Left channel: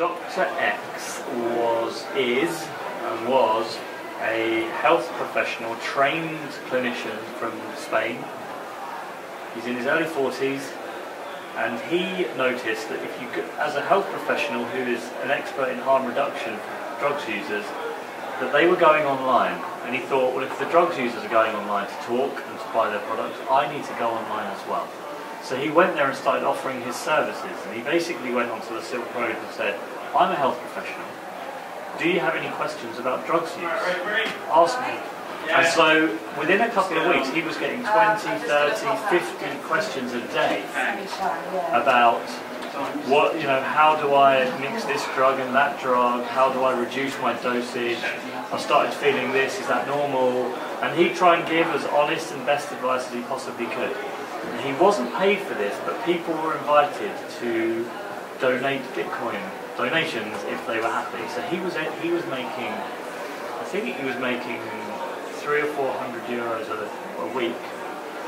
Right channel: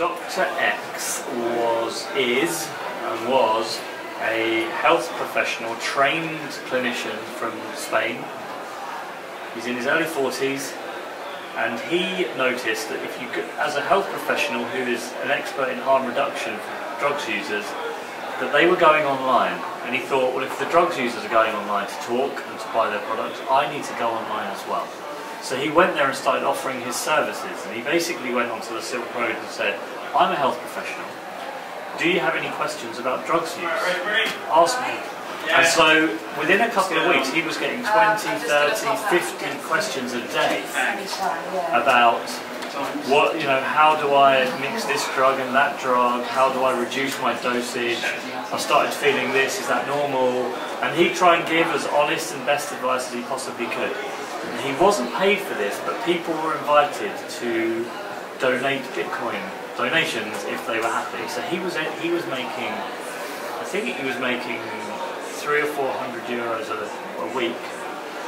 Dr. X was a health professional, trained clinician from Spain. He's in his early 40s, and he noticed that if you, as a health professional who is an expert in harm reduction for drugs users, that they were going online. And he thought, well, if the drugs users are going online to talk and to buy their products, I need to go online as well. So he went there and started offering his services, and he basically went onto the Silk Road and said, I'm a health professional. Do you have any questions about drugs use? Ask me. And so within a couple of weeks he was getting 20, 30, 50 questions a day about what, how do I mix this drug and that drug, how do I reduce my dosage, I started feeling this, is that normal? And he'd try and give as honest and best advice as he possibly could. And he wasn't paid for this, but people were invited to donate Bitcoin donations if they were happy. So he was making, I think he was making 300 or 400 euros a week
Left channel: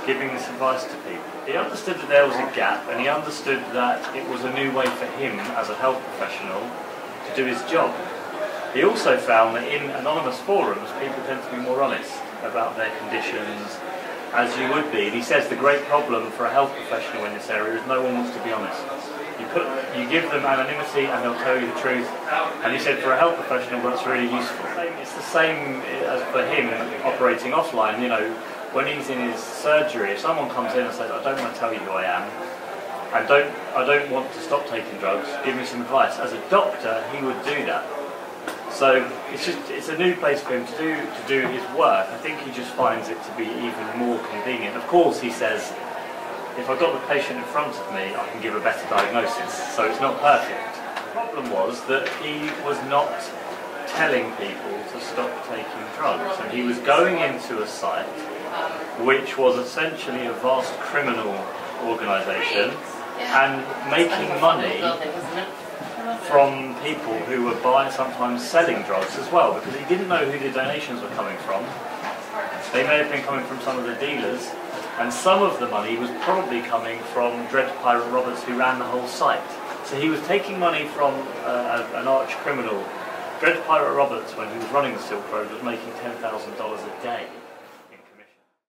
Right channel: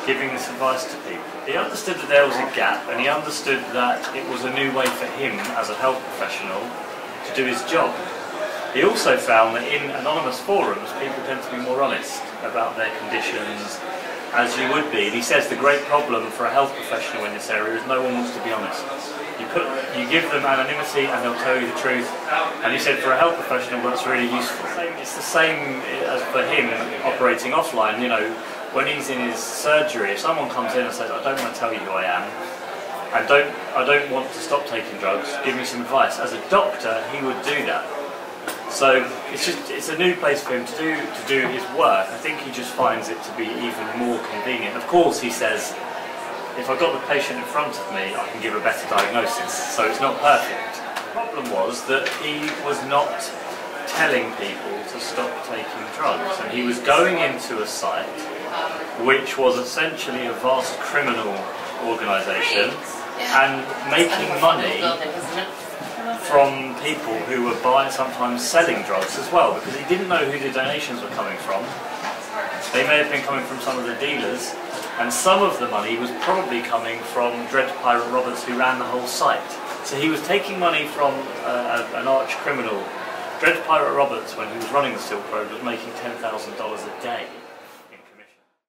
giving this advice to people. He understood that there was a gap, and he understood that it was a new way for him as a health professional to do his job. He also found that in anonymous forums people tend to be more honest about their conditions, as you would be. And he says the great problem for a health professional in this area is no one wants to be honest. You give them anonymity and they'll tell you the truth. And he said for a health professional that's really useful. It's the same as for him operating offline. When he's in his surgery, if someone comes in and says, I don't want to tell you who I am, I don't want to stop taking drugs, give me some advice. As a doctor, he would do that. So it's a new place for him to do his work. I think he just finds it to be even more convenient. Of course, he says, if I've got the patient in front of me, I can give a better diagnosis, so it's not perfect. The problem was that he was not telling people to stop taking drugs, and he was going into a site which was essentially a vast criminal organisation and making money from people who were buying, sometimes selling drugs as well, because he didn't know who the donations were coming from. They may have been coming from some of the dealers, and some of the money was probably coming from Dread Pirate Roberts, who ran the whole site. So he was taking money from an arch criminal. Dread Pirate Roberts, when he was running the Silk Road, was making $10,000 a day.